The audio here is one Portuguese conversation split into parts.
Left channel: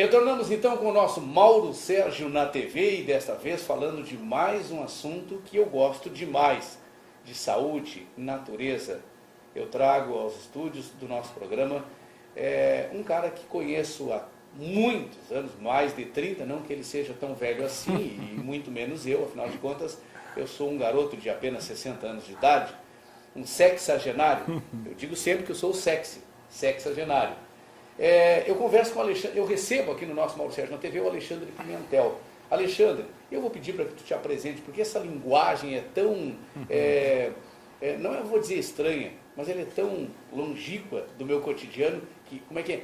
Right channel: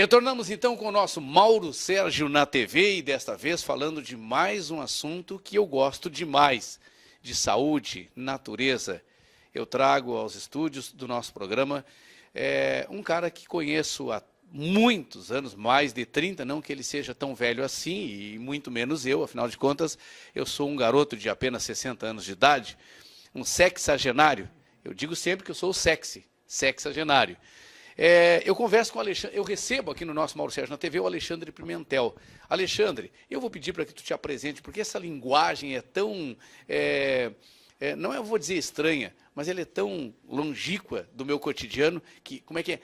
Retornamos então com o nosso Mauro Sérgio na TV e desta vez falando de mais um assunto que eu gosto demais, de saúde, natureza. Eu trago aos estúdios do nosso programa um cara que conheço há muitos anos, mais de 30, não que ele seja tão velho assim, e muito menos eu, afinal de contas, eu sou um garoto de apenas 60 anos de idade, um sexagenário. Eu digo sempre que eu sou o sexagenário. Eu converso com o Alexandre, eu recebo aqui no nosso Mauro Sérgio na TV o Alexandre Pimentel. Alexandre, eu vou pedir para que tu te apresente, porque essa linguagem é tão, não eu vou dizer estranha, mas ela é tão longínqua do meu cotidiano, que, como é que é?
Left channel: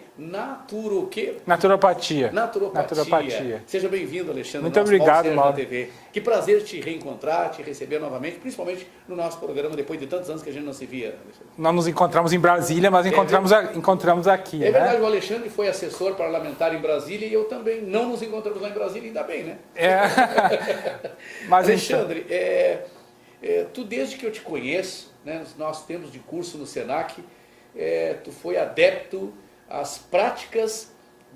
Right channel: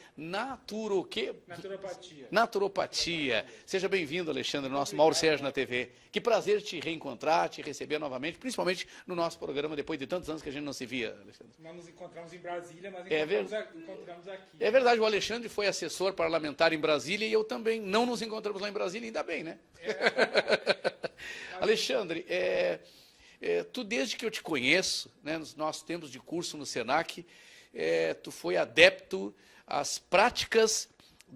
O quê? Naturopatia. Naturopatia. Seja bem-vindo, Alexandre, muito nosso obrigado, Mauro Sérgio Mauro. na TV. Que prazer te reencontrar, te receber novamente, principalmente no nosso programa, depois de tantos anos que a gente não se via, Alexandre. Nós nos encontramos em Brasília, mas encontramos aqui. É verdade, o Alexandre foi assessor parlamentar em Brasília e eu também. Não nos encontramos lá em Brasília, ainda bem, né? Mas Alexandre, tu desde que eu te conheço, né, nos nossos tempos de curso no Senac, tu foi adepto às práticas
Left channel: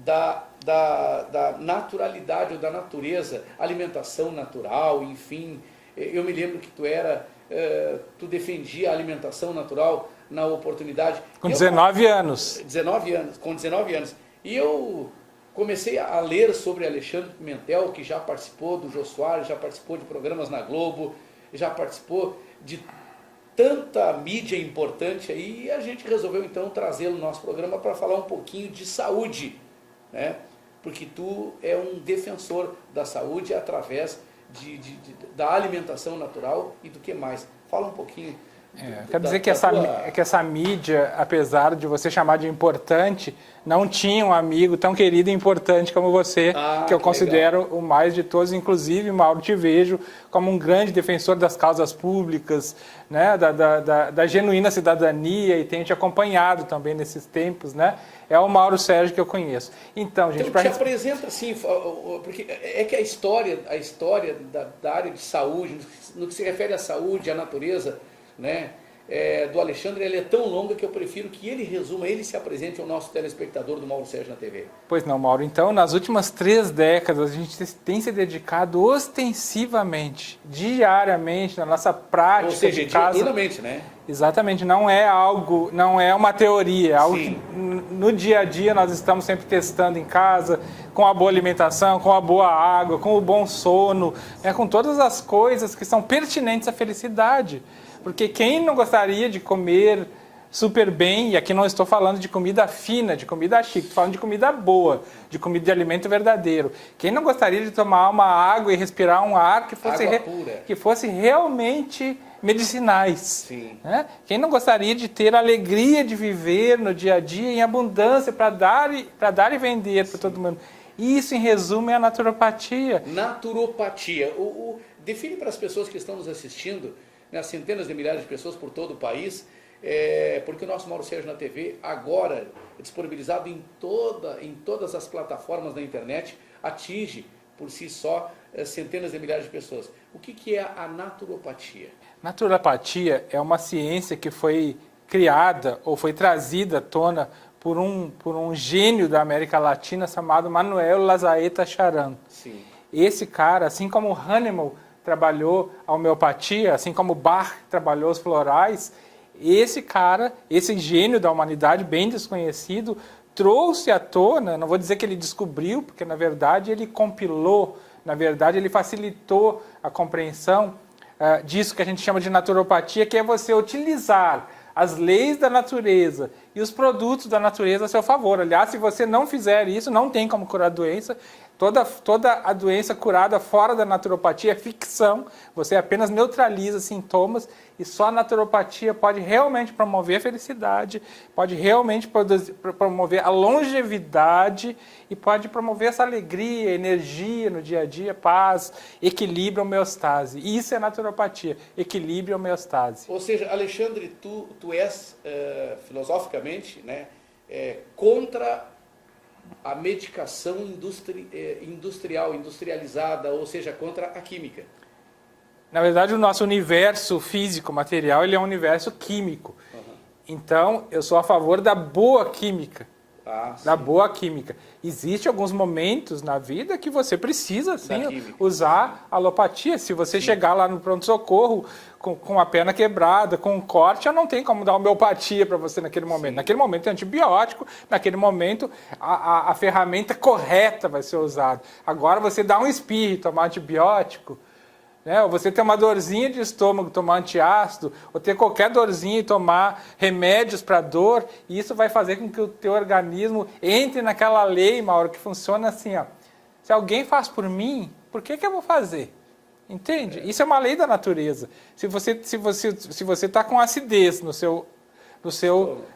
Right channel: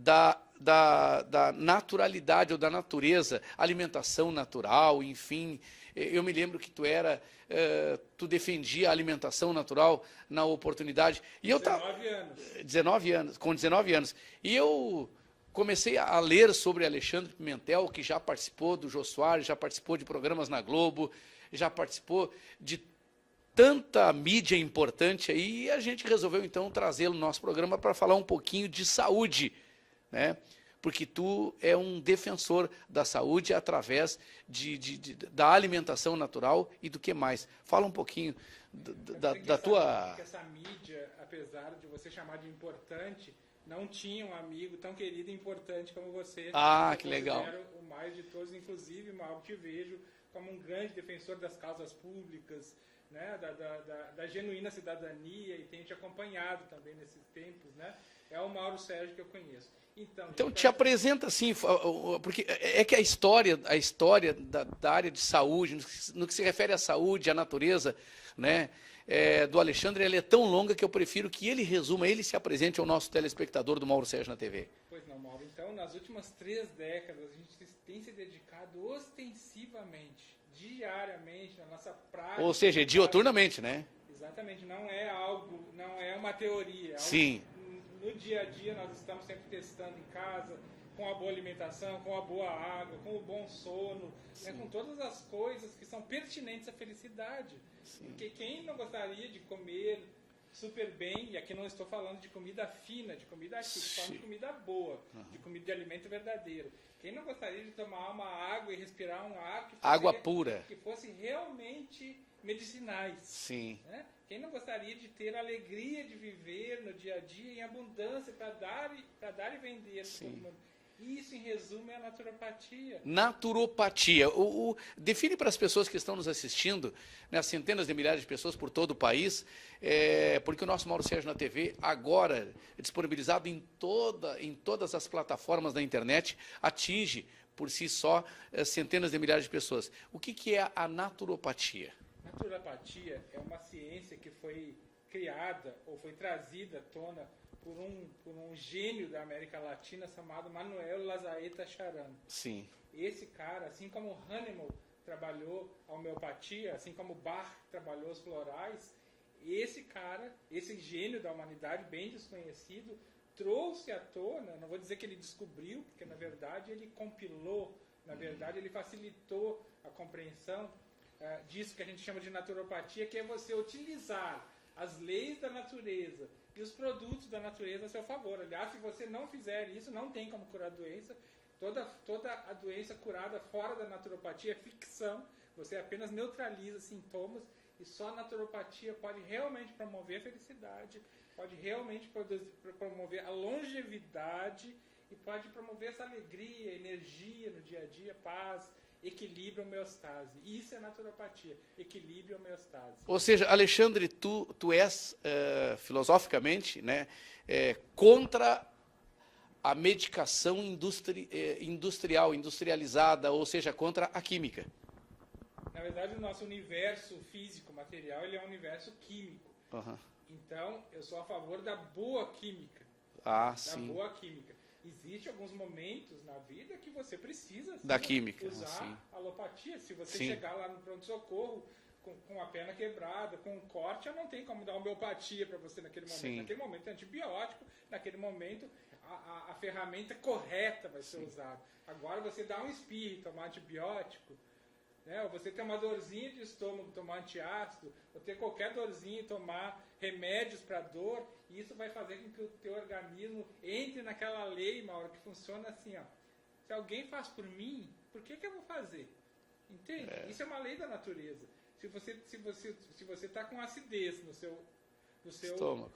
da naturalidade ou da natureza, alimentação natural, enfim. Eu me lembro que tu defendia a alimentação natural na oportunidade. Com 19 anos. Com 19 anos. E eu comecei a ler sobre Alexandre Pimentel, que já participou do Jô Soares, já participou de programas na Globo, já participou de tanta mídia importante aí, e a gente resolveu então trazê-lo no nosso programa para falar um pouquinho de saúde, né? Porque tu é um defensor da saúde através da alimentação natural e do que mais. Fala um pouquinho. Quer dizer que essa mídia, apesar de você chamar de importante, não tinha um amigo tão querido e importante como você, que eu considero legal. O mais de todos. Inclusive, Mauro, te vejo como um grande defensor das causas públicas, né, da genuína cidadania, e tenho te acompanhado também nesses tempos, né? É o Mauro Sérgio que eu conheço. Então, gente... Então, te apresenta assim, porque é que a história da área de saúde, no que se refere à saúde, à natureza, né, do Alexandre, ele é tão longa que eu prefiro que ele resuma, ele se apresente ao nosso telespectador do Mauro Sérgio na TV. Pois não, Mauro. Então, nas últimas 3 décadas, a gente tem se dedicado ostensivamente, diariamente, na nossa prática. Ou seja, diuturnamente, né? Exatamente, não é uma teoria, é algo que no dia a dia nós estamos sempre testando em casa, com a boa alimentação, com a boa água, com o bom sono, com todas as coisas que são pertinentes à felicidade. Porque quem não gostaria de comer super bem, e aqui não estou falando de comida fina, de comida chique, estou falando de comida boa, de comida de alimento verdadeiro. Quem não gostaria de tomar uma água e respirar um ar que fosse realmente medicinais? Sim. Né? Quem não gostaria de ter a alegria de viver no dia a dia em abundância para dar e vender para todo mundo? Isso, em resumo, é a naturopatia. Naturopatia. Define para as pessoas que estão nos assistindo, né, centenas de milhares de pessoas por todo o país, porque o nosso Mauro Sérgio na TV agora é disponibilizado em todas as plataformas da internet, atinge por si só centenas de milhares de pessoas. O que é a naturopatia? Naturopatia é uma ciência que foi criada ou foi trazida à tona por um gênio da América Latina chamado Manuel Lazaeta Charan. Sim. Esse cara, assim como Hahnemann trabalhou a homeopatia, assim como Bach trabalhou os florais, esse cara, esse gênio da humanidade, bem desconhecido, trouxe à tona, não vou dizer que ele descobriu, porque na verdade ele compilou, na verdade ele facilitou a compreensão disso que a gente chama de naturopatia, que é você utilizar as leis da natureza e os produtos da natureza a seu favor. Aliás, se você não fizer isso, não tem como curar a doença. Toda a doença curada fora da naturopatia é ficção, você apenas neutraliza sintomas, e só a naturopatia pode realmente promover a felicidade, pode realmente promover a longevidade e pode promover essa alegria, energia no dia a dia, paz, equilíbrio, homeostase. E isso é naturopatia, equilíbrio e homeostase. Ou seja, Alexandre, tu és, filosoficamente, né, contra a medicação industrializada, ou seja, contra a química. Na verdade, o nosso universo físico, material, ele é um universo químico. Uhum. Então, eu sou a favor da boa química. Boa química. Existem alguns momentos na vida que você precisa sim, química, usar alopatia. Se você chegar lá no pronto-socorro com a perna quebrada, com um corte, eu não tenho como dar homeopatia para você naquele momento. Sim. Naquele momento é antibiótico, naquele momento a ferramenta correta vai ser usada. Agora você dá um espirro e tomar antibiótico, né? Ou você ter uma dorzinha de estômago, tomar antiácido, ou ter qualquer dorzinha e tomar remédios para dor, e isso vai fazer com que o teu organismo entre naquela lei, Mauro, que funciona assim, ó. Se alguém faz por mim, por que eu vou fazer? Entende? Isso é uma lei da natureza. Se você está com acidez no seu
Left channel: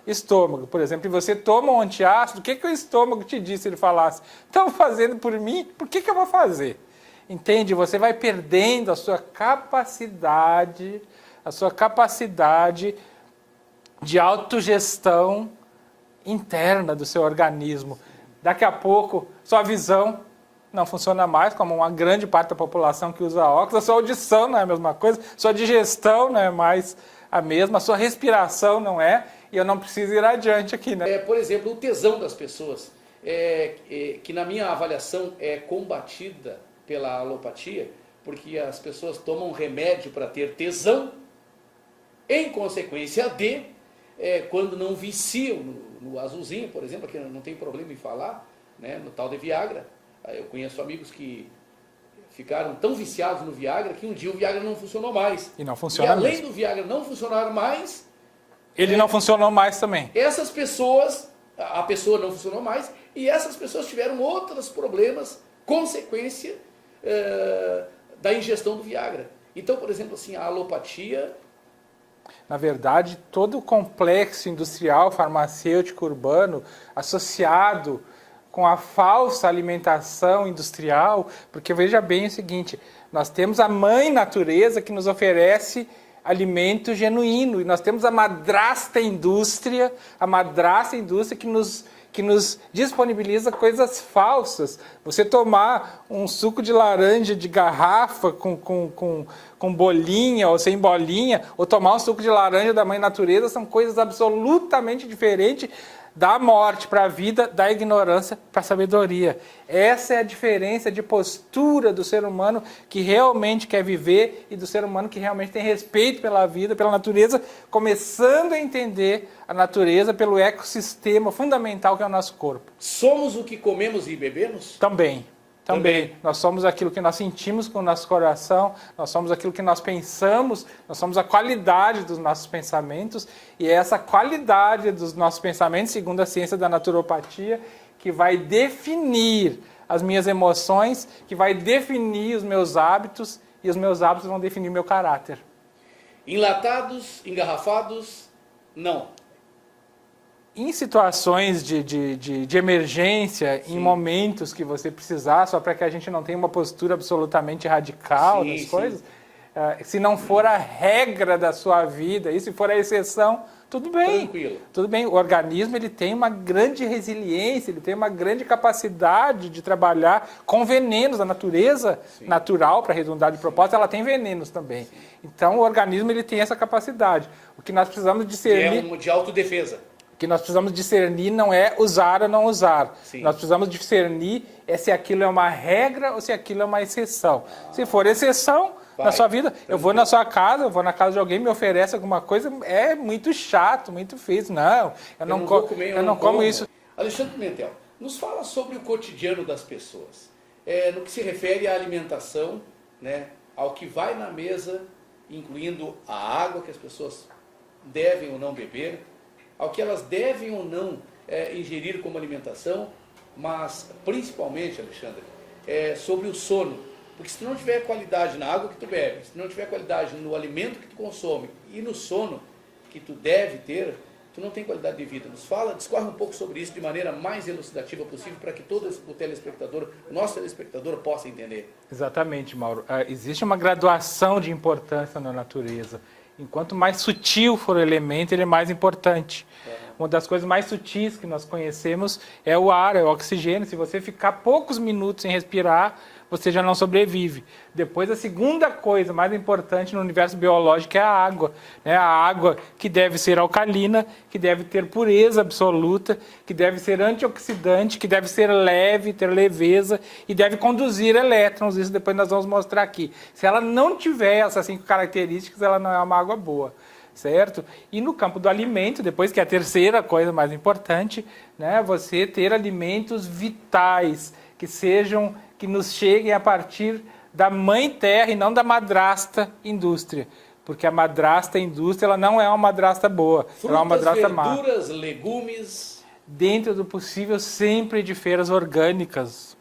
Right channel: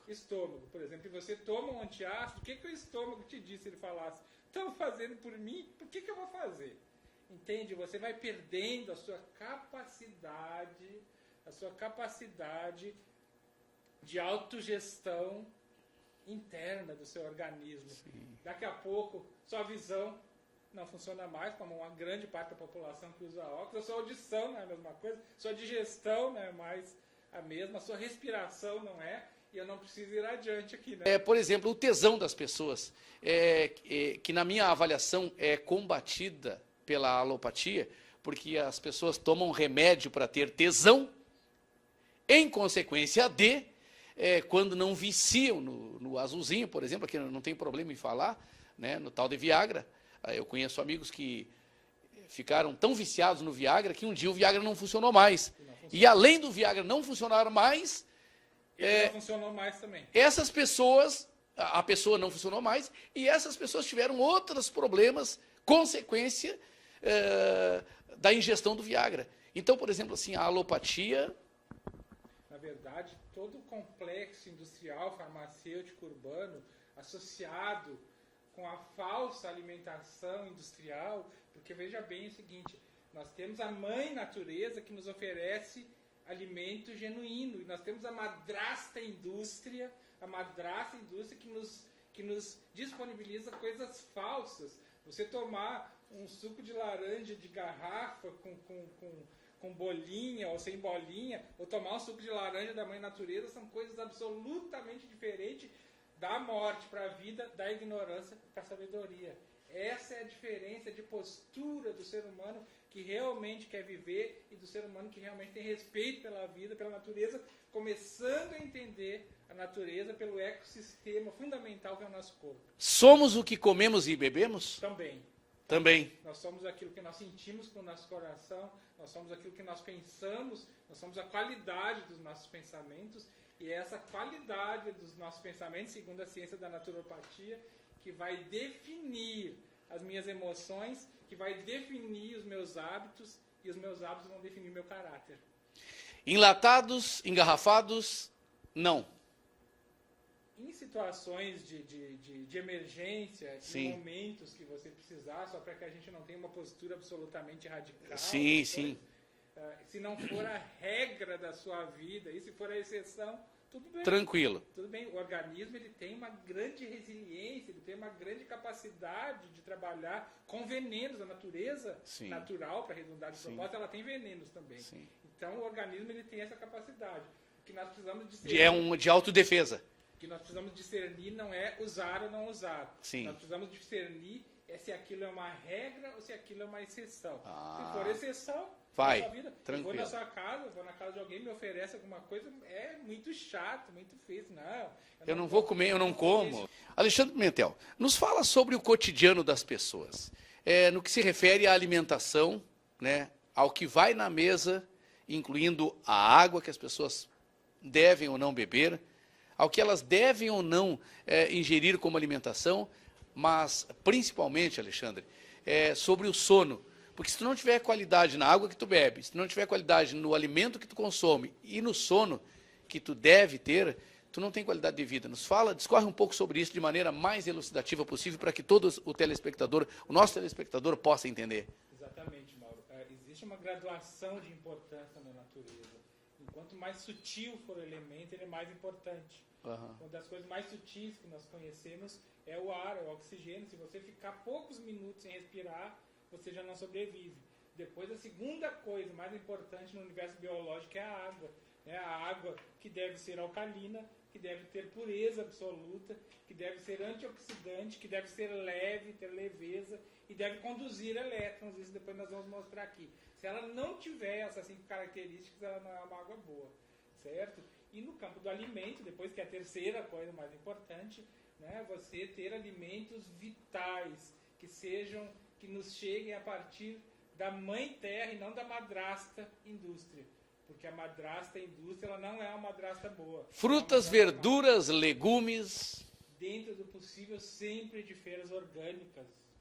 estômago, por exemplo, e você toma um antiácido, o que o estômago te disse se ele falasse? Estão fazendo por mim, por que eu vou fazer? Entende? Você vai perdendo a sua capacidade de autogestão interna do seu organismo. Daqui a pouco, sua visão não funciona mais, como uma grande parte da população que usa óculos, a sua audição não é a mesma coisa, sua digestão não é mais a mesma, a sua respiração não é, e eu não preciso ir adiante aqui, né? Por exemplo, o tesão das pessoas, que na minha avaliação é combatida pela alopatia, porque as pessoas tomam remédio para ter tesão, em consequência quando não viciam no azulzinho, por exemplo, que não tem problema em falar, né, no tal de Viagra. Eu conheço amigos que ficaram tão viciados no Viagra que um dia o Viagra não funcionou mais. E não funciona. E além do Viagra não funcionar mais, ele não funcionou mais também. Essas pessoas, a pessoa não funcionou mais, e essas pessoas tiveram outros problemas, consequência da ingestão do Viagra. Então, por exemplo, assim, a alopatia... Na verdade, todo o complexo industrial, farmacêutico, urbano, associado com a falsa alimentação industrial, porque veja bem o seguinte, nós temos a mãe natureza que nos oferece alimento genuíno, e nós temos a madrasta indústria que nos disponibiliza coisas falsas. Você tomar um suco de laranja de garrafa com bolinha ou sem bolinha, ou tomar um suco de laranja da mãe natureza, são coisas absolutamente diferentes da morte para a vida, da ignorância para a sabedoria. Essa é a diferença de postura do ser humano que realmente quer viver e do ser humano que realmente tem respeito pela vida, pela natureza, começando a entender a natureza pelo ecossistema fundamental que é o nosso corpo. Somos o que comemos e bebemos? Também. Nós somos aquilo que nós sentimos com o nosso coração, nós somos aquilo que nós pensamos, nós somos a qualidade dos nossos pensamentos, e é essa qualidade dos nossos pensamentos, segundo a ciência da naturopatia, que vai definir as minhas emoções, que vai definir os meus hábitos, e os meus hábitos vão definir meu caráter. Enlatados, engarrafados, não. Em situações de emergência, sim, em momentos que você precisar, só para que a gente não tenha uma postura absolutamente radical das coisas, se não for a regra da sua vida, e se for a exceção, tudo bem. Tranquilo. Tudo bem. O organismo ele tem uma grande resiliência, ele tem uma grande capacidade de trabalhar com venenos. A natureza natural, para arredondar de propósito, ela tem venenos também. Sim. Então, o organismo ele tem essa capacidade. O que nós precisamos discernir... É de autodefesa. O que nós precisamos discernir não é usar ou não usar. Sim. Nós precisamos discernir se aquilo é uma regra ou se aquilo é uma exceção. Se for exceção na sua vida, eu vou na sua casa, eu vou na casa de alguém, me oferece alguma coisa, é muito chato, muito feio. Não, eu não como isso. Alexandre Pimentel, nos fala sobre o cotidiano das pessoas. No que se refere à alimentação, né, ao que vai na mesa, incluindo a água que as pessoas devem ou não beber, ao que elas devem ou não ingerir como alimentação, mas principalmente, Alexandre, sobre o sono. Porque se tu não tiver qualidade na água que tu bebe, se tu não tiver qualidade no alimento que tu consome e no sono que tu deve ter, tu não tem qualidade de vida. Discorre um pouco sobre isso de maneira mais elucidativa possível para que todo o nosso telespectador possa entender. Exatamente, Mauro. Existe uma graduação de importância na natureza. Enquanto mais sutil for o elemento, ele é mais importante. Uma das coisas mais sutis que nós conhecemos é o ar, é o oxigênio. Se você ficar poucos minutos sem respirar, você já não sobrevive. Depois, a segunda coisa mais importante no universo biológico é a água, né? A água que deve ser alcalina, que deve ter pureza absoluta, que deve ser antioxidante, que deve ser leve, ter leveza e deve conduzir elétrons. Isso depois nós vamos mostrar aqui. Se ela não tiver essas 5 características, ela não é uma água boa. Certo? E no campo do alimento, depois que é a terceira coisa mais importante, né, você ter alimentos vitais, que nos cheguem a partir da mãe terra e não da madrasta indústria. Porque a madrasta indústria ela não é uma madrasta boa. Frutas, ela é uma madrasta verduras, legumes... Dentro do possível, sempre de feiras orgânicas.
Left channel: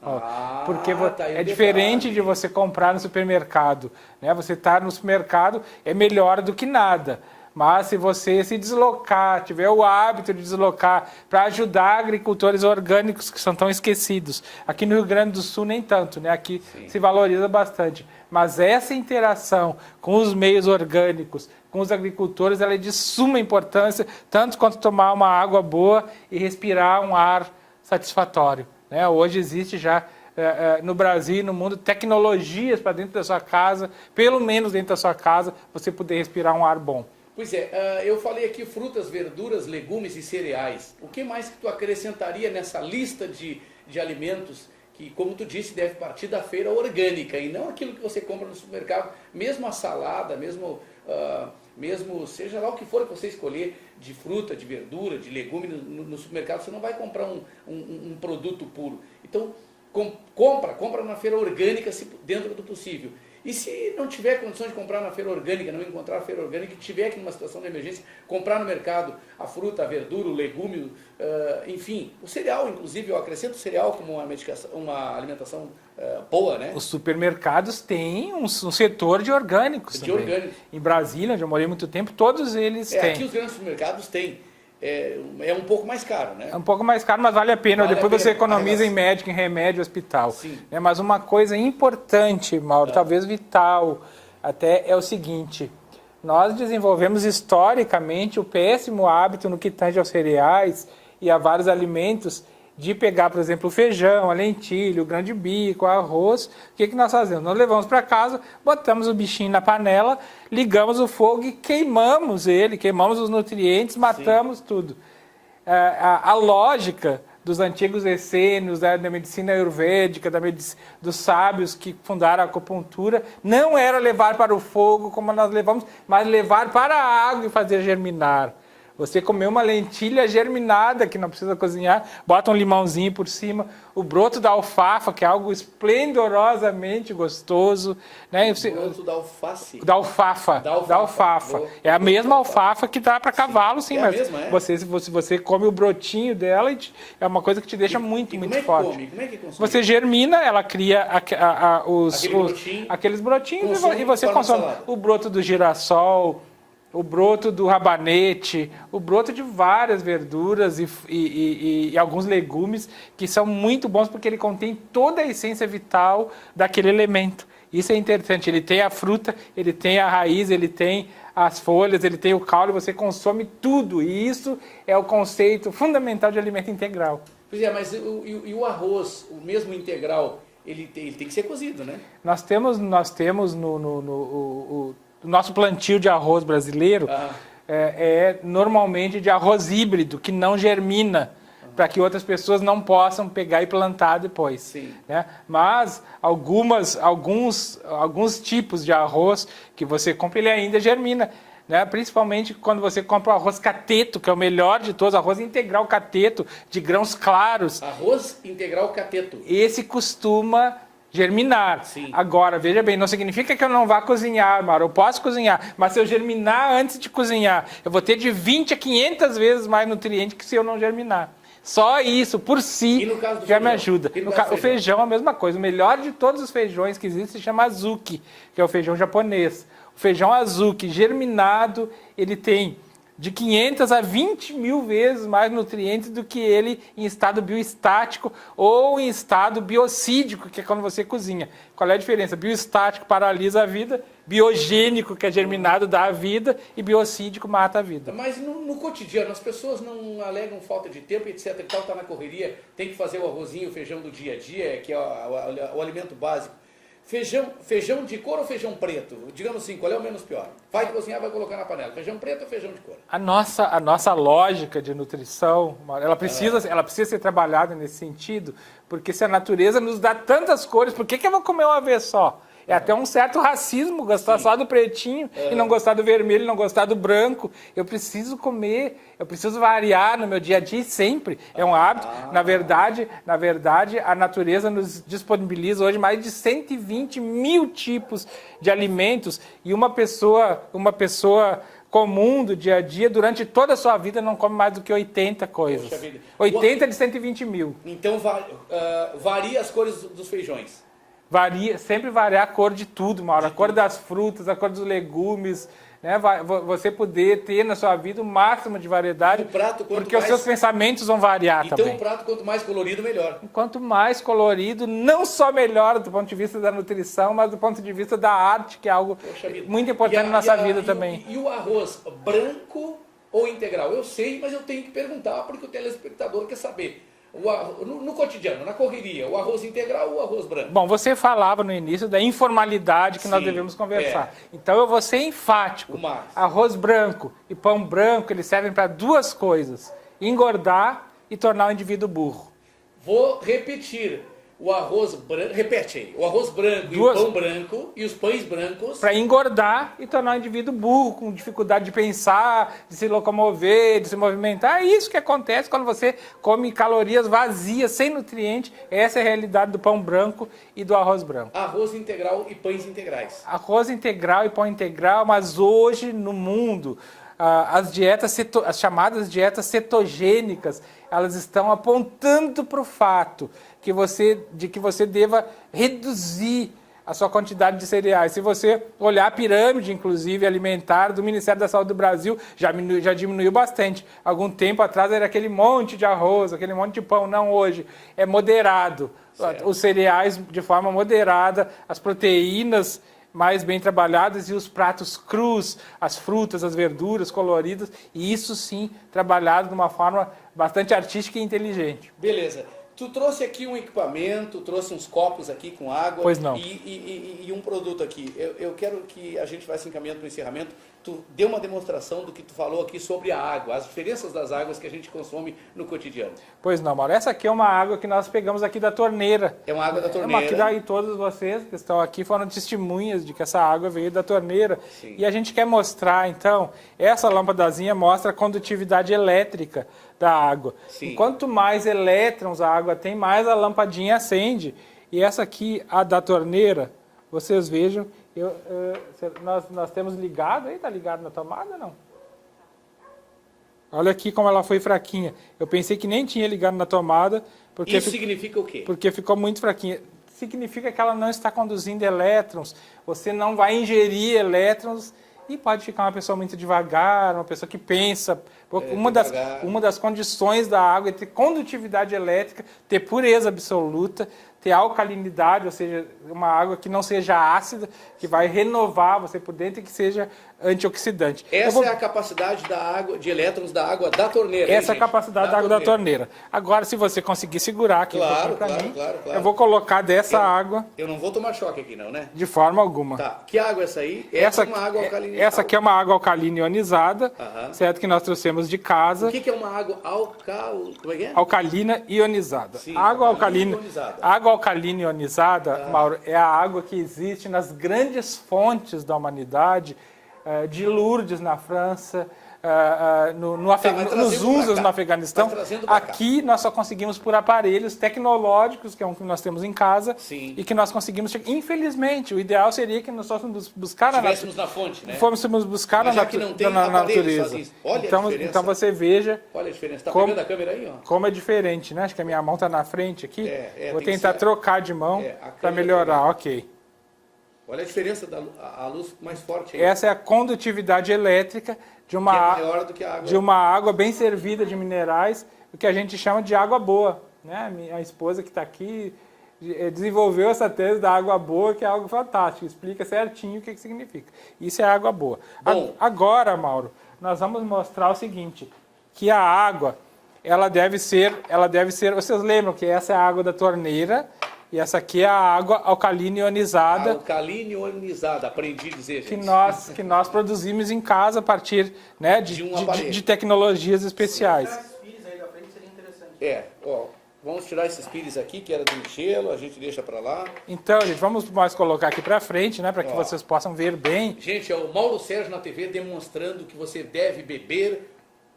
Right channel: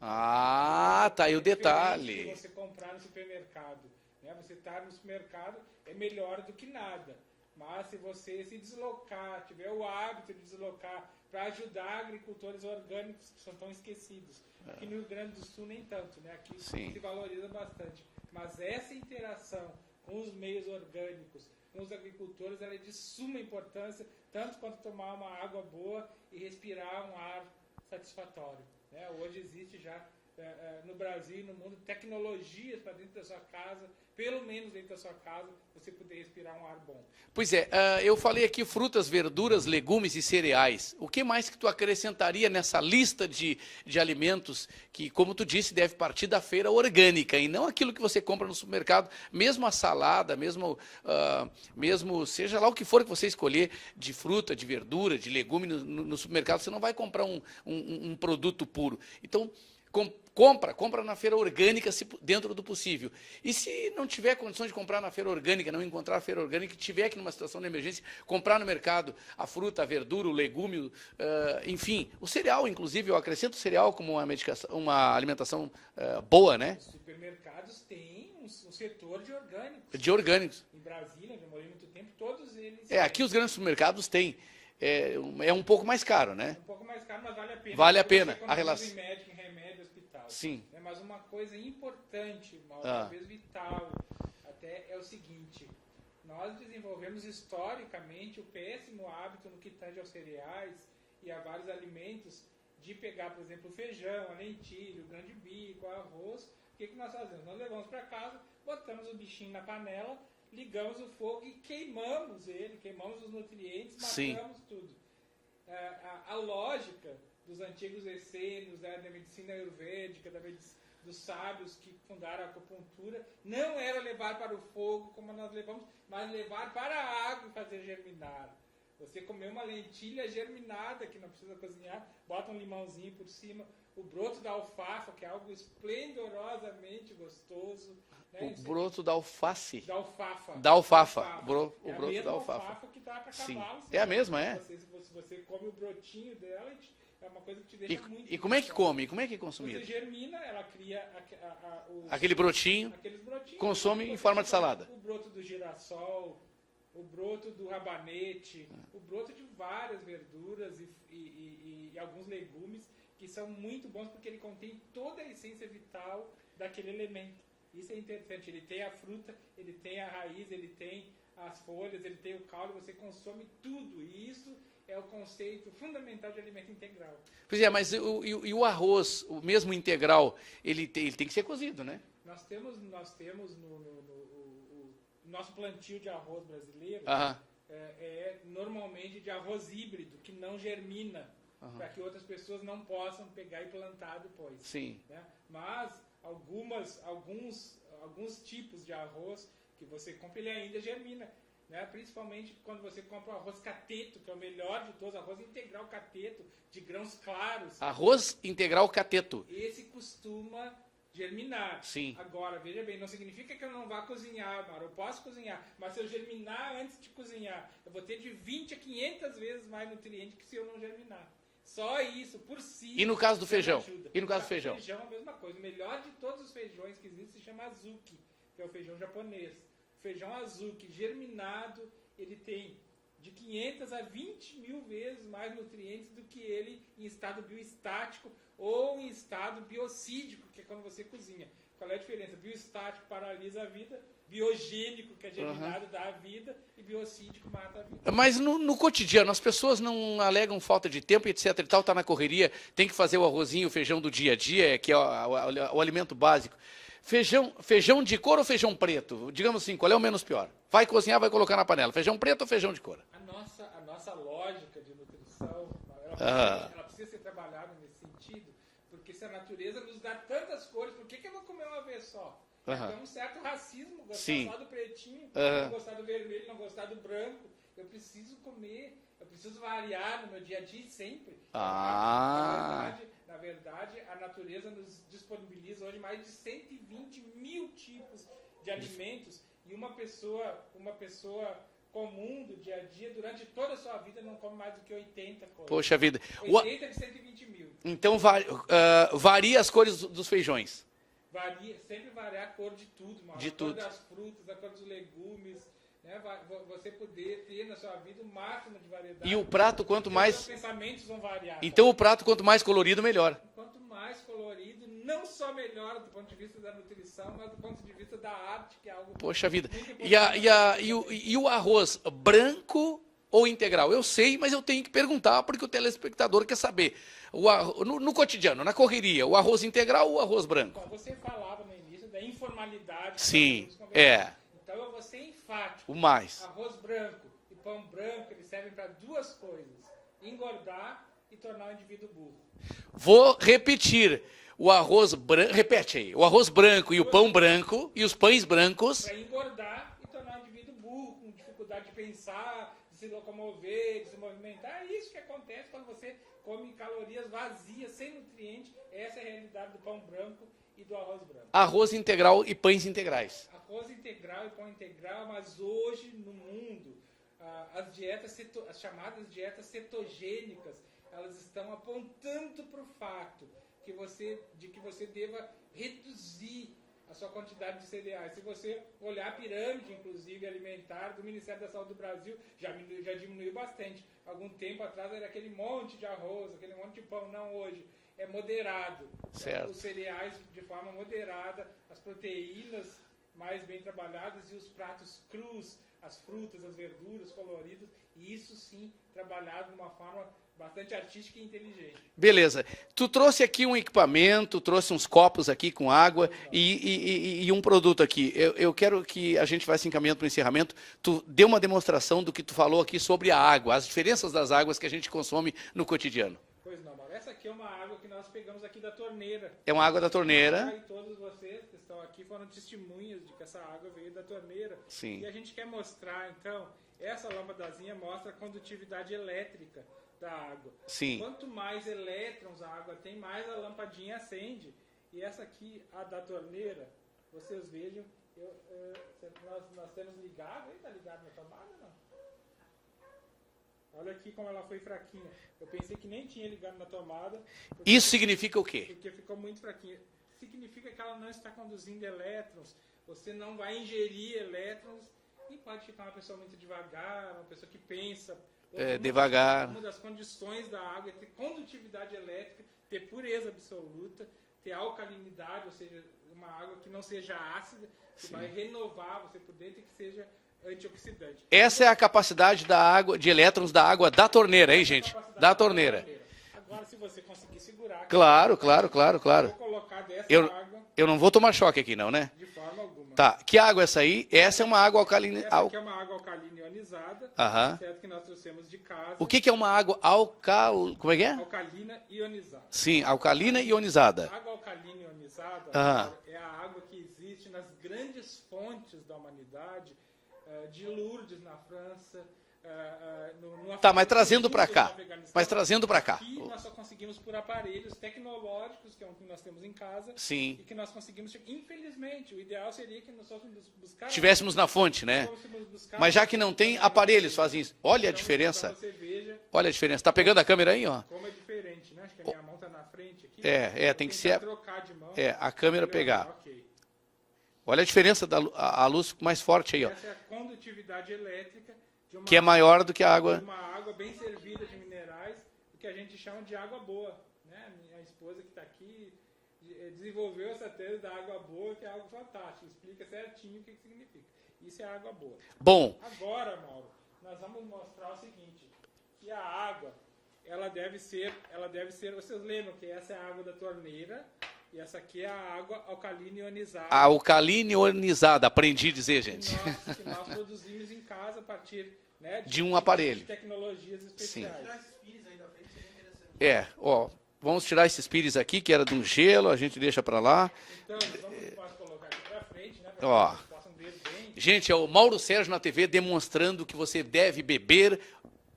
Porque tá aí é o diferente detalhe. de você comprar no supermercado. Né? Você estar no supermercado é melhor do que nada. Mas se você se deslocar, tiver o hábito de deslocar para ajudar agricultores orgânicos que são tão esquecidos. Aqui no Rio Grande do Sul nem tanto, né? Aqui se valoriza bastante. Mas essa interação com os meios orgânicos, com os agricultores, ela é de suma importância, tanto quanto tomar uma água boa e respirar um ar satisfatório. Né? Hoje existe já no Brasil e no mundo tecnologias para dentro da sua casa, pelo menos dentro da sua casa, você poder respirar um ar bom. Pois é, eu falei aqui frutas, verduras, legumes e cereais. O que mais que tu acrescentaria nessa lista de alimentos que, como tu disse, deve partir da feira orgânica e não aquilo que você compra no supermercado, mesmo a salada, mesmo seja lá o que for que você escolher, de fruta, de verdura, de legume no supermercado, você não vai comprar um produto puro. Então, compra na feira orgânica dentro do possível. E se não tiver condições de comprar na feira orgânica, não encontrar a feira orgânica, e tiver aqui numa situação de emergência, comprar no mercado a fruta, a verdura, o legume, enfim, o cereal, inclusive, eu acrescento o cereal como uma alimentação boa, né? Os supermercados têm um setor de orgânicos. De orgânicos. Em Brasília, onde eu morei muito tempo, todos eles têm. Aqui os grandes supermercados têm. É um pouco mais caro, né? É um pouco mais caro, mas vale a pena. Vale Depois a pena. você economiza em médico, em remédio, hospital. Sim. Mas uma coisa importante, Mauro, talvez vital, até é o seguinte. Nós desenvolvemos historicamente o péssimo hábito no que tange aos cereais e a vários alimentos de pegar, por exemplo, o feijão, a lentilha, o grão de bico, o arroz. O que nós fazemos? Nós levamos para casa, botamos o bichinho na panela, ligamos o fogo e queimamos ele, queimamos os nutrientes, matamos tudo. A lógica dos antigos essênios, da medicina ayurvédica, dos sábios que fundaram a acupuntura, não era levar para o fogo como nós levamos, mas levar para a água e fazer germinar. Você comer uma lentilha germinada, que não precisa cozinhar, bota um limãozinho por cima, o broto da alfafa, que é algo esplendorosamente gostoso. Né? O broto da alface? Da alfafa. Da alfafa. É a mesma alfafa que dá para cavalo, sim. É mas a mesma, é? Você come o brotinho dela e é uma coisa que te deixa muito forte. Como é que consome? Você germina, ela cria aqueles brotinhos e você consome o broto do girassol, o broto do rabanete, o broto de várias verduras e alguns legumes que são muito bons porque ele contém toda a essência vital daquele elemento. Isso é interessante. Ele tem a fruta, ele tem a raiz, ele tem as folhas, ele tem o caule, você consome tudo. E isso é o conceito fundamental de alimento integral. Pois é, mas e o arroz, o mesmo integral, ele tem que ser cozido, né? Nós temos o nosso plantio de arroz brasileiro é normalmente de arroz híbrido, que não germina, para que outras pessoas não possam pegar e plantar depois. Sim. Né? Mas alguns tipos de arroz que você compra, ele ainda germina. Né? Principalmente quando você compra o arroz cateto, que é o melhor de todos, arroz integral cateto, de grãos claros. Arroz integral cateto. Esse costuma germinar. Sim. Agora, veja bem, não significa que eu não vá cozinhar, Mauro. Eu posso cozinhar, mas se eu germinar antes de cozinhar, eu vou ter de 20 a 500 vezes mais nutriente que se eu não germinar. Só isso, por si, E no caso do já feijão? me ajuda. O feijão é a mesma coisa. O melhor de todos os feijões que existem se chama azuki, que é o feijão japonês. O feijão azuki germinado, ele tem de 500 a 20 mil vezes mais nutrientes do que ele em estado bioestático ou em estado biocídico, que é quando você cozinha. Qual é a diferença? Bioestático paralisa a vida, biogênico, que é germinado, dá a vida, e biocídico mata a vida. Mas no cotidiano, as pessoas não alegam falta de tempo, etc. e tal, tá na correria, tem que fazer o arrozinho, o feijão do dia a dia, que é o alimento básico. Feijão de cor ou feijão preto? Digamos assim, qual é o menos pior? Vai cozinhar, vai colocar na panela. Feijão preto ou feijão de cor? A nossa lógica de nutrição, ela precisa ser trabalhada nesse sentido, porque se a natureza nos dá tantas cores, por que eu vou comer uma vez só? É até um certo racismo gostar só do pretinho e não gostar do vermelho, não gostar do branco. Eu preciso comer, eu preciso variar no meu dia a dia sempre. É um hábito. Na verdade, a natureza nos disponibiliza hoje mais de 120 mil tipos de alimentos e uma pessoa comum do dia a dia, durante toda a sua vida, não come mais do que 80 coisas. Poxa vida. 80 de 120 mil. Então, varia as cores dos feijões. Sempre varia a cor de tudo, Mauro. A cor das frutas, a cor dos legumes, né? Você poder ter na sua vida o máximo de variedade. E o prato, quanto porque mais... os seus pensamentos vão variar então, também. o prato, quanto mais colorido, melhor. Quanto mais colorido, não só melhor do ponto de vista da nutrição, mas do ponto de vista da arte, que é algo muito importante na nossa vida também. E o arroz branco ou integral? Eu sei, mas eu tenho que perguntar, porque o telespectador quer saber. No cotidiano, na correria, o arroz integral ou o arroz branco? Bom, você falava no início da informalidade que nós devemos conversar. Então eu vou ser enfático. Arroz branco e pão branco, eles servem para duas coisas: engordar e tornar o indivíduo burro. Vou repetir. O arroz branco, repete aí, o arroz branco e o pão branco e os pães brancos. Para engordar e tornar o indivíduo burro, com dificuldade de pensar, de se locomover, de se movimentar. É isso que acontece quando você come calorias vazias, sem nutriente. Essa é a realidade do pão branco e do arroz branco. Arroz integral e pães integrais. Arroz integral e pão integral, mas hoje no mundo, as chamadas dietas cetogênicas, elas estão apontando para o fato de que você deva reduzir a sua quantidade de cereais. Se você olhar a pirâmide, inclusive, alimentar do Ministério da Saúde do Brasil, já diminuiu bastante. Algum tempo atrás era aquele monte de arroz, aquele monte de pão. Não, hoje é moderado. Certo. Os cereais de forma moderada, as proteínas mais bem trabalhadas e os pratos crus, as frutas, as verduras coloridas, e isso sim trabalhado de uma forma bastante artística e inteligente. Beleza. Tu trouxe aqui um equipamento, trouxe uns copos aqui com água. Pois não. E um produto aqui. Eu quero que a gente vá se encaminhando para o encerramento. Tu deu uma demonstração do que tu falou aqui sobre a água, as diferenças das águas que a gente consome no cotidiano. Pois não, Mauro. Essa aqui é uma água que nós pegamos aqui da torneira. É uma água da torneira. E todos vocês que estão aqui foram testemunhas de que essa água veio da torneira. Sim. E a gente quer mostrar, então, essa lâmpadazinha mostra a condutividade elétrica da água. Sim. E quanto mais elétrons a água tem, mais a lampadinha acende. E essa aqui, a da torneira, vocês vejam, nós temos ligado aí, tá ligado na tomada ou não? Olha aqui como ela foi fraquinha. Eu pensei que nem tinha ligado na tomada. Isso significa o quê? Porque ficou muito fraquinha. Significa que ela não está conduzindo elétrons. Você não vai ingerir elétrons e pode ficar uma pessoa muito devagar, uma pessoa que pensa. Uma das condições da água é ter condutividade elétrica, ter pureza absoluta, ter alcalinidade, ou seja, uma água que não seja ácida, que vai renovar você por dentro e que seja antioxidante. Essa é a capacidade da água, de elétrons da água da torneira, Essa é a capacidade da água da torneira. Agora, se você conseguir segurar aqui... Claro. Eu vou colocar dessa água... Eu não vou tomar choque aqui não, né? De forma alguma. Tá. Que água é essa aí? Essa é uma água alcalina. Essa aqui é uma água alcalina ionizada, certo? Que nós trouxemos de casa. O que é uma água Como é que é? Alcalina ionizada. Sim, alcalina ionizada. A água alcalina ionizada, Mauro, é a água que existe nas grandes fontes da humanidade, de Lourdes, na França, nos Usos, no Afeganistão. Aqui nós só conseguimos por aparelhos tecnológicos, que é um que nós temos em casa. Sim. E que nós conseguimos... Infelizmente, o ideal seria que nós fôssemos buscar... Estivéssemos na fonte, né? Fôssemos buscar Mas já que não tem aparelhos sozinhos. Olha a diferença. Então você veja... Olha a diferença. Está pegando a câmera aí, ó? Como é diferente, né? Acho que a minha mão está na frente aqui. Vou tentar trocar de mão para melhorar. Pegar. Ok. Olha a diferença a luz mais forte aí. Essa é a condutividade elétrica de uma que é maior do que a água. De uma água bem servida de minerais, o que a gente chama de água boa. Né? Minha esposa que está aqui desenvolveu essa tese da água boa, que é algo fantástico. Explica certinho o que significa. Isso é água boa. Bom. Agora, Mauro, nós vamos mostrar o seguinte, que a água, ela deve ser... Vocês lembram que essa é a água da torneira E essa aqui é a água alcalina ionizada. Alcalina ionizada, aprendi a dizer, gente. Que nós produzimos em casa a partir, né, de tecnologias especiais. Ó, vamos tirar esses pires aqui, que era do gelo, a gente deixa para lá. Então, gente, vamos mais colocar aqui para frente, né, para que vocês possam ver bem. Gente, é o Mauro Sérgio na TV demonstrando o que você deve beber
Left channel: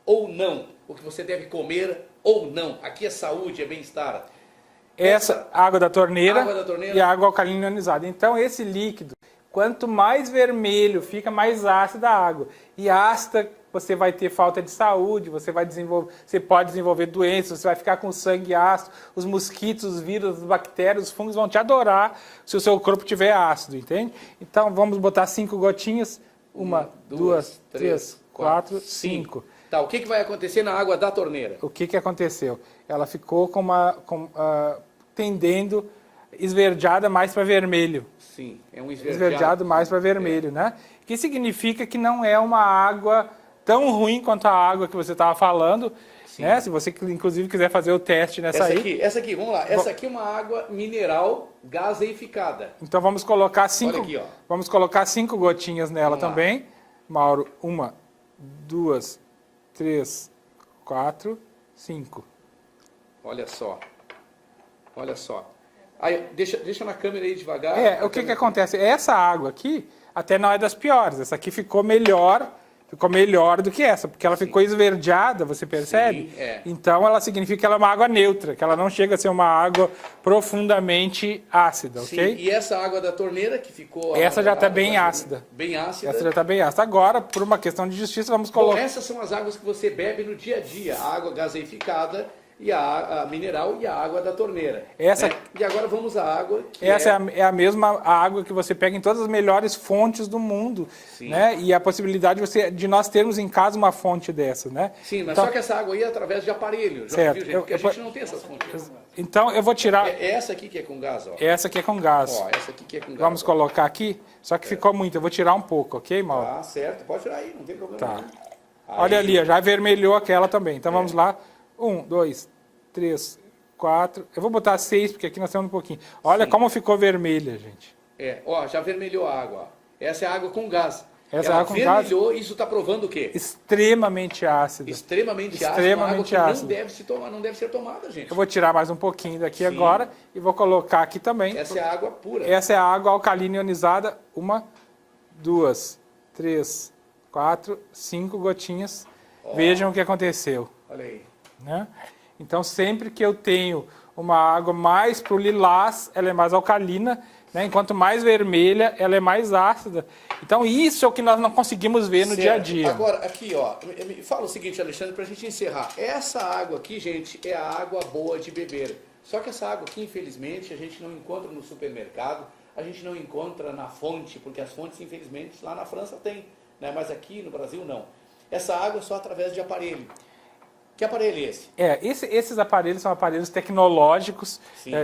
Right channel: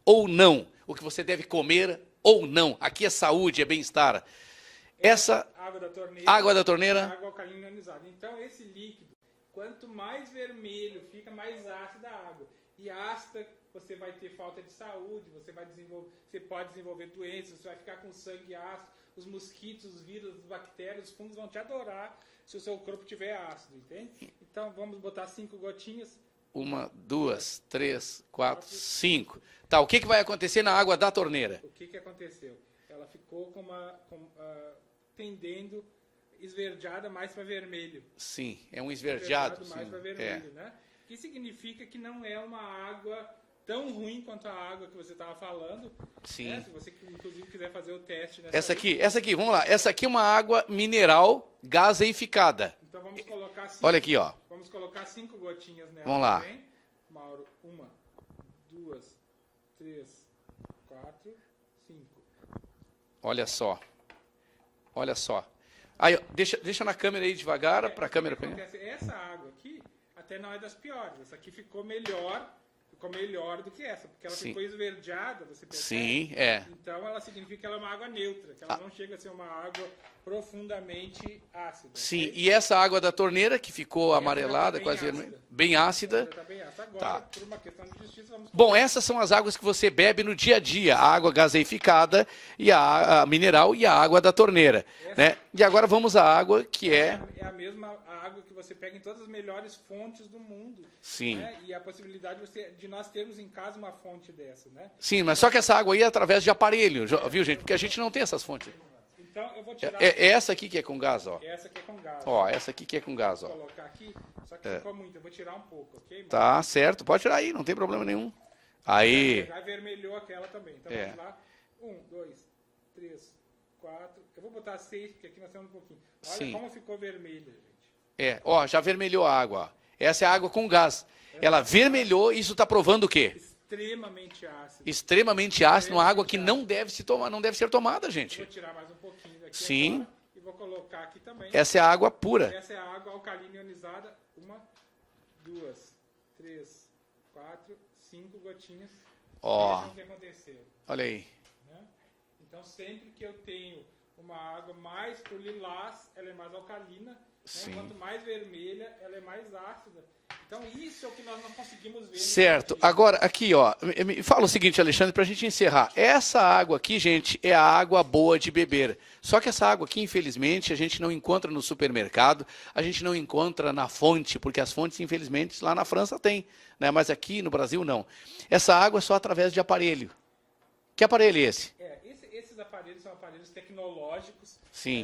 ou não, o que você deve comer ou não. Aqui é saúde, é bem-estar. Essa água da torneira e a água alcalina ionizada. Então, esse líquido, quanto mais vermelho fica, mais ácida a água. E ácida, você vai ter falta de saúde, você pode desenvolver doenças, você vai ficar com sangue ácido, os mosquitos, os vírus, as bactérias, os fungos vão te adorar se o seu corpo tiver ácido, entende? Então, vamos botar 5 gotinhas. 1, 2, 3, 4, 5. Tá, o que vai acontecer na água da torneira? O que aconteceu? Ela ficou tendendo esverdeada mais para vermelho. Sim, é um esverdeado. Esverdeado mais para vermelho, né? Que significa que não é uma água tão ruim quanto a água que você estava falando. Né? Se você, inclusive, quiser fazer o teste nessa Essa aqui, vamos lá. Essa aqui é uma água mineral gaseificada. Então vamos colocar 5. Olha aqui, ó. Vamos colocar 5 gotinhas nela também. Mauro, 1, 2, 3, 4, 5. Olha só. Olha só. Aí, deixa na câmera aí devagar. O que acontece? Essa água aqui até não é das piores. Essa aqui ficou melhor do que essa, porque ela ficou esverdeada, você percebe? Sim, é. Então ela significa que ela é uma água neutra, que ela não chega a ser uma água profundamente ácida, Sim, ok? e essa água da torneira que ficou essa já está bem ácida. Bem ácida. Essa já está bem ácida. Agora, por uma questão de justiça, vamos colocar... Bom, essas são as águas que você bebe no dia a dia. A água gaseificada, e a mineral e a água da torneira. Né? E agora vamos à água que essa é a mesma água que você pega em todas as melhores fontes do mundo. Sim. Né? E a possibilidade de nós termos em casa uma fonte dessa, né? Sim, mas só que essa água aí é através de aparelho, viu, gente? Porque a gente não tem essas fontes. Então eu vou tirar... Essa aqui que é com gás, ó. Essa aqui é com gás. Ó, essa aqui que é com gás. Vamos colocar aqui, só que ficou muito. Eu vou tirar um pouco, ok, Mauro? Tá, certo. Pode tirar aí, não tem problema nenhum. Aí. Olha ali, já vermelhou aquela também. Então vamos lá. 1, 2, 3, 4. Eu vou botar 6, porque aqui nós temos um pouquinho. Olha como ficou vermelha, gente. Ó, já vermelhou a água. Ó. Essa é a água com gás. Ela vermelhou e isso está provando o quê? Extremamente ácido. Extremamente ácido, uma água que não deve se tomar, não deve ser tomada, gente. Eu vou tirar mais um pouquinho daqui agora e vou colocar aqui também. Essa é a água pura. Essa é a água alcalina ionizada. 1, 2, 3, 4, 5 gotinhas. Vejam o que aconteceu. Olha aí. Né? Então, sempre que eu tenho uma água mais para o lilás, ela é mais alcalina, né? Enquanto mais vermelha, ela é mais ácida. Então, isso é o que nós não conseguimos ver no dia a dia. Agora, aqui, ó, me fala o seguinte, Alexandre, para a gente encerrar. Essa água aqui, gente, é a água boa de beber. Só que essa água aqui, infelizmente, a gente não encontra no supermercado, a gente não encontra na fonte, porque as fontes, infelizmente, lá na França tem, né? Mas aqui no Brasil, não. Essa água é só através de aparelho. Que aparelho é esse? Esses aparelhos são aparelhos tecnológicos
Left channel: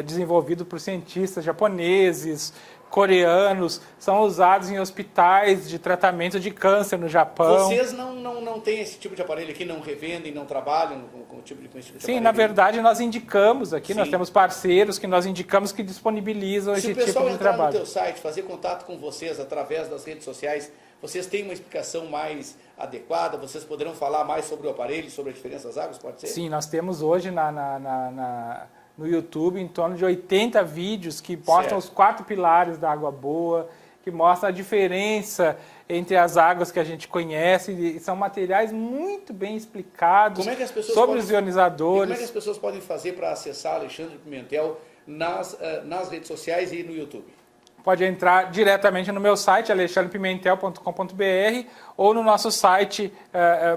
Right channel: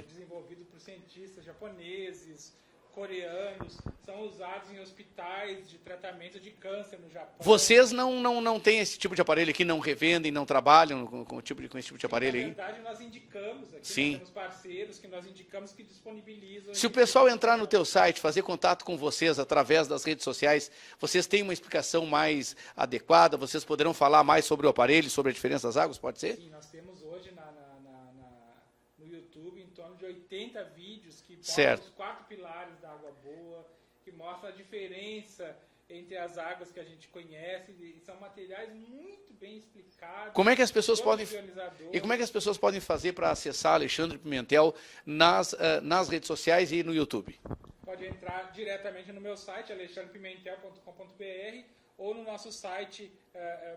desenvolvidos por cientistas japoneses, coreanos, são usados em hospitais de tratamento de câncer no Japão. Vocês não têm esse tipo de aparelho aqui, não revendem, não trabalham com esse tipo de aparelho? Sim, na verdade nós indicamos aqui, nós temos parceiros que nós indicamos que disponibilizam esse tipo de trabalho. Se o pessoal entrar no teu site, fazer contato com vocês através das redes sociais, vocês têm uma explicação mais adequada? Vocês poderão falar mais sobre o aparelho, sobre a diferença das águas, pode ser? Sim, nós temos hoje no YouTube em torno de 80 vídeos que mostram os 4 pilares da água boa, que mostram a diferença entre as águas que a gente conhece, e são materiais muito bem explicados sobre os ionizadores. E como é que as pessoas podem fazer para acessar Alexandre Pimentel nas redes sociais e no YouTube? Pode entrar diretamente no meu site, alexandrepimentel.com.br, ou no nosso site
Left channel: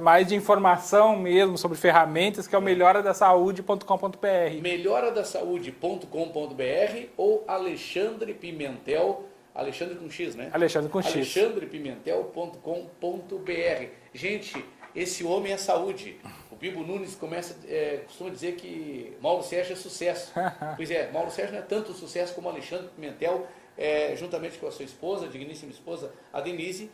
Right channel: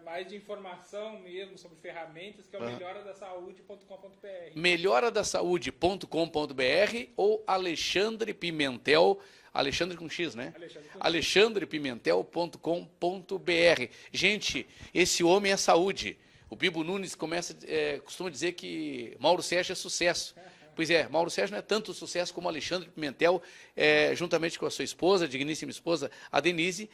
mais de informação mesmo, sobre ferramentas, que é o melhoradasaude.com.br. Melhoradasaude.com.br ou Alexandre Pimentel, Alexandre com X, né? Alexandre com X. alexandrepimentel.com.br. Gente, esse homem é saúde. O Bibo Nunes costuma dizer que Mauro Sérgio é sucesso. Pois é, Mauro Sérgio não é tanto sucesso como Alexandre Pimentel, juntamente com a sua esposa, a digníssima esposa, a Denise.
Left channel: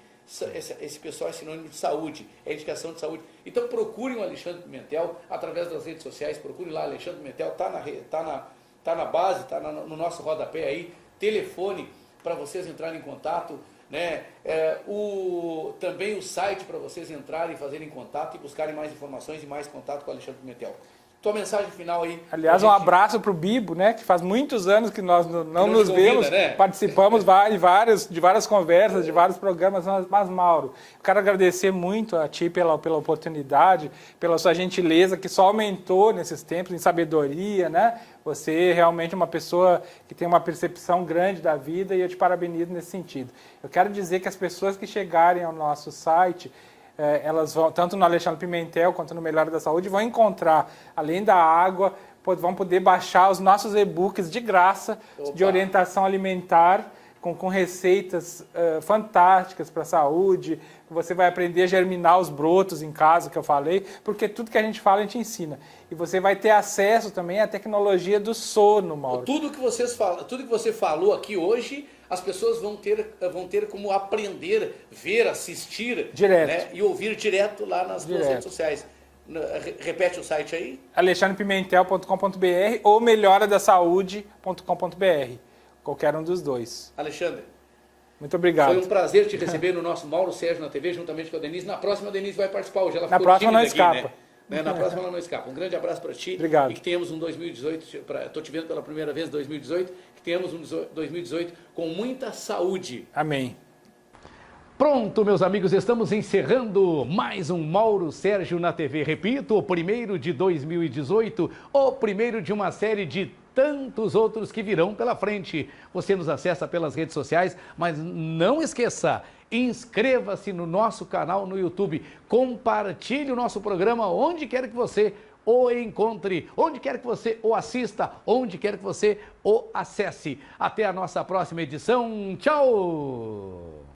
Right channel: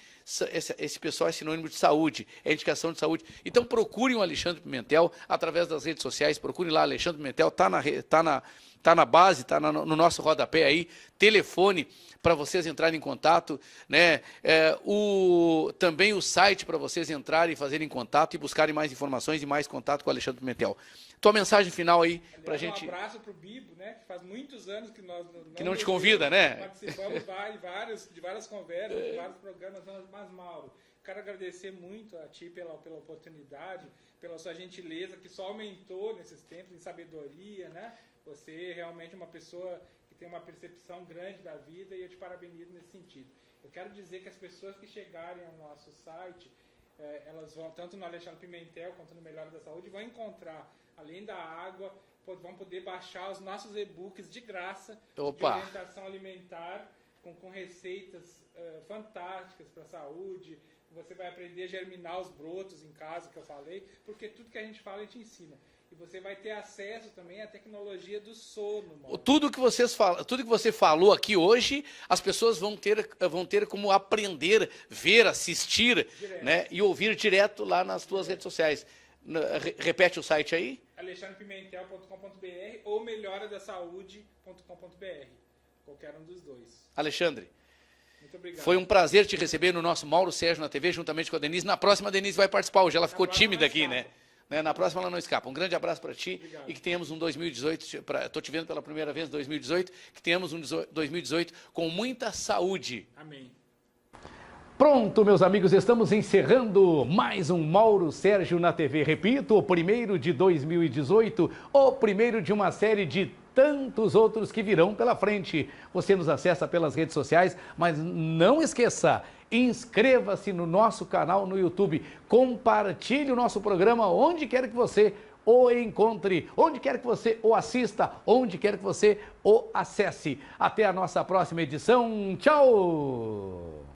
Esse pessoal é sinônimo de saúde, é indicação de saúde. Então procurem o Alexandre Pimentel através das redes sociais, procurem lá Alexandre Pimentel, está Está na base, está no nosso rodapé aí, telefone para vocês entrarem em contato, né? Também o site para vocês entrarem e fazerem contato e buscarem mais informações e mais contato com o Alexandre Pimentel. Tua mensagem final aí. Aliás, um abraço para o Bibo, né? Que faz muitos anos que nós não nos vemos, né? Participamos de várias conversas, de vários programas, mas Mauro, quero agradecer muito a ti pela oportunidade, pela sua gentileza, que só aumentou nesses tempos, em sabedoria, né? Você realmente é uma pessoa que tem uma percepção grande da vida e eu te parabenizo nesse sentido. Eu quero dizer que as pessoas que chegarem ao nosso site, elas vão, tanto no Alexandre Pimentel quanto no Melhora da Saúde, vão encontrar, além da água, vão poder baixar os nossos e-books de graça, de orientação alimentar, com receitas fantásticas para a saúde. Você vai aprender a germinar os brotos em casa, que eu falei, porque tudo que a gente fala, a gente ensina. E você vai ter acesso também à tecnologia do sono, Mauro. Tudo que você falou aqui hoje, as pessoas vão ter como aprender, ver, assistir, né, e ouvir direto lá nas suas redes sociais. Repete o site aí. alexandrepimentel.com.br ou melhoradasaude.com.br. Qualquer um dos dois. Alexandre, muito obrigado. Foi um prazer te receber no nosso Mauro Sérgio na TV, juntamente com a Denise. Na próxima, a Denise vai participar hoje. Ela ficou tímida aqui, né? Na próxima ela não escapa. Um grande abraço para ti. Obrigado. E que tenhamos um 2018, estou te vendo pela primeira vez, 2018, que tenhamos um 2018 com muita saúde. Amém. Pronto, meus amigos, estamos encerrando mais um Mauro Sérgio na TV. Repito, o primeiro de 2018, o primeiro de uma série de tantos outros que virão pela frente. Você nos acessa pelas redes sociais, mas não esqueça, inscreva-se no nosso canal no YouTube, compartilhe o nosso programa onde quer que você o encontre, onde quer que você o assista, onde quer que você o acesse. Até a nossa próxima edição. Tchau!